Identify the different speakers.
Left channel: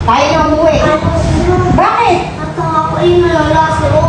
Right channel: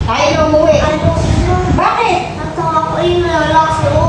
Speaker 1: Tayo na umuwi.
Speaker 2: Ayaw sila.
Speaker 1: Bakit?
Speaker 2: At ako ay nalala si